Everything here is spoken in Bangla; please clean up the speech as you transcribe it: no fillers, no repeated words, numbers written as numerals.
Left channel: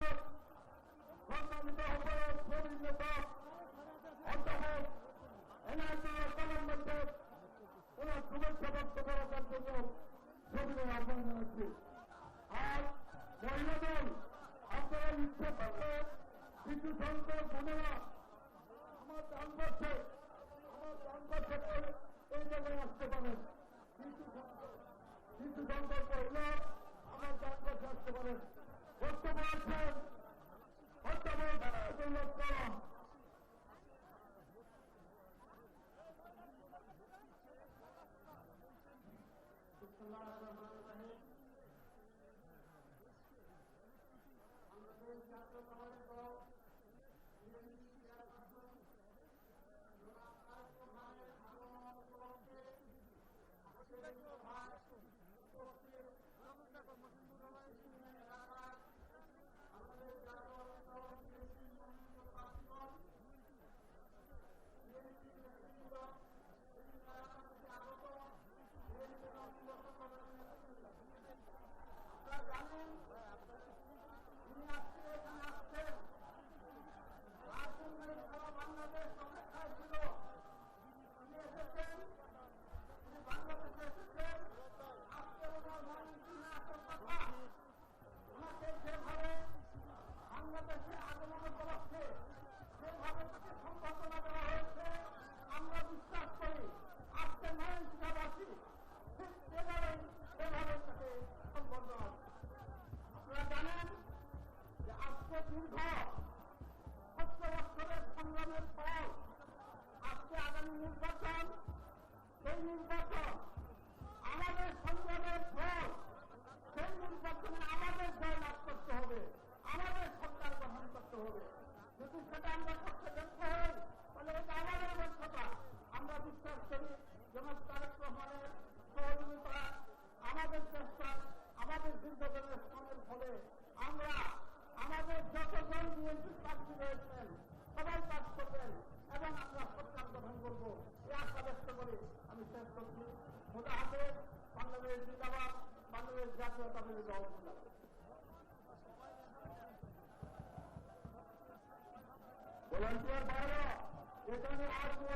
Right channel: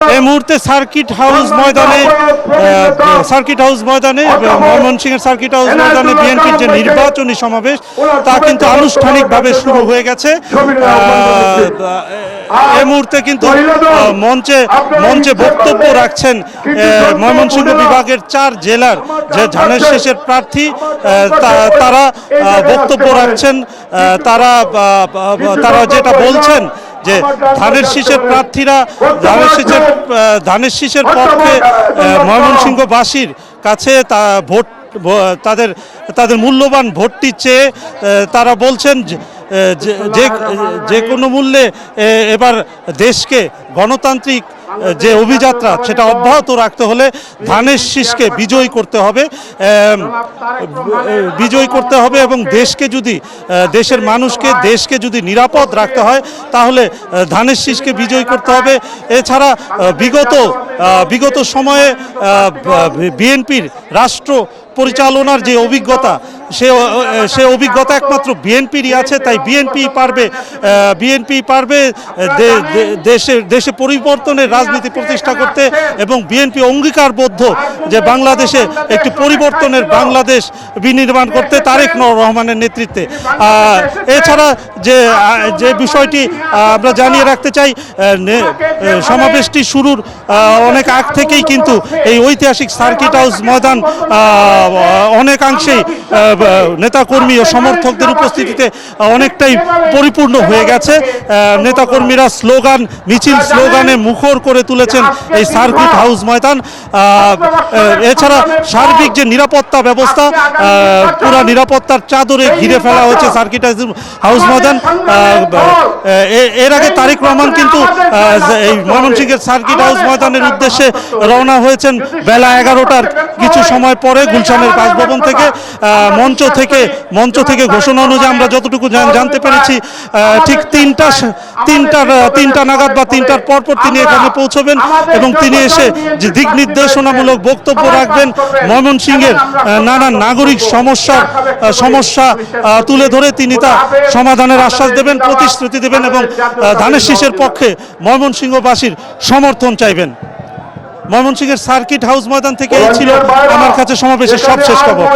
এই মুহূর্তে সার্কিট হাউস ময়দানে ময়মনসিংহের সার্কিট হাউস ময়দানে বিএনপির যে নির্বাচনী সমাবেশ তা কিন্তু আনুষ্ঠানিকভাবে শুরু হয়ে গেছে। এই মুহূর্তে কিন্তু মঞ্চে বক্তব্য রাখছেন ময়মনসিংহ বিভাগের 4 জেলার যে ধানের শীষের প্রার্থী, তারা বক্তব্য রাখছেন। তারা যেটা বলছেন যে ধানের শীষের প্রার্থীরা ধানের শীষের পক্ষে ময়মনসিংহবাসীর কাছে তাদের মূল্যবান ভোটটি চেয়ে তারা বলছেন যে কোনো মূল্যে এবার দেশকে গণতান্ত্রিক যে অভিযাত্রা সেটা অব্যাহত রাখতে হলে ধানের শীষকে বিজয়ী করতে হবে এবং দেশের মানুষকে দেশকে যদি নিরাপদ রাখতে হয় তাহলে ধানের শীষকে বিজয়ী করতে হবে। এছাড়া বিগত সময়ে বিএনপির রাষ্ট্র পরিচালনার যে অভিজ্ঞতা সে অভিজ্ঞতা একমাত্র বিএনপিরই আছে, তাই বিএনপি পারবে দেশে পরিবর্তনের রাজনীতি প্রতিষ্ঠা করতে এবং বিএনপি অঙ্গীকারবদ্ধ যে বাংলাদেশে একটি পরিবর্তনের বাংলাদেশ বিনির্মাণ করতে তারেক রহমানের নেতৃত্বে। এছাড়া যে বিষয়টি আমরা জানিয়ে রাখতে চাই, সমাবেশটি শুরুর অনেক আগ থেকেই কিন্তু এই ঐতিহাসিক সার্কিট হাউস ময়দান অনেকাংশেই নেতাকর্মী ও সমর্থকদের উপস্থিতিতে অনেকটাই পরিপূর্ণ হয়ে গেছে। নেতাকর্মীরা স্লোগানে মুখর করে তুলেছেন এই সার্কিট হাউস ময়দান। এছাড়া সার্বিক যে নিরাপত্তা ব্যবস্থা, পুরা নিরাপত্তার চাদরে ঘিরে ফেলা হয়েছে সার্কিট হাউস ময়দান। এর আগে তারেক রহমান কিন্তু এই ময়মনসিংহের সার্কিট হাউস ময়দানের উদ্দেশ্যে রওনা হয়েছেন বেলা 11টার কিছু সময় পরে গুলশানের বাসভবন থেকে। মঞ্চ থেকে ঘোষণা অনুযায়ী আমরা যতটুকু জানতে পেরেছি ঠিক তিনটা নাগাদ বা 3টার পরপর তিনি এখানে পৌঁছবেন এবং তিনি এসে যে দিক নির্দেশনামূলক বক্তব্য রাখবেন, ময়মনসিংহের নানান নাগরিক সমস্যা তুলে ধরে তিনি তা সমাধানের আশ্বাস দেবেন, প্রতিশ্রুতি দেবেন এবং ধানের শীষের পক্ষে ময়মনসিংহবাসীর সমর্থন চাইবেন। ময়মনসিংহের সার্কিট হাউস ময়দান থেকে এই ছিল আমার কাছে সমাবেশের সবশেষ খবর।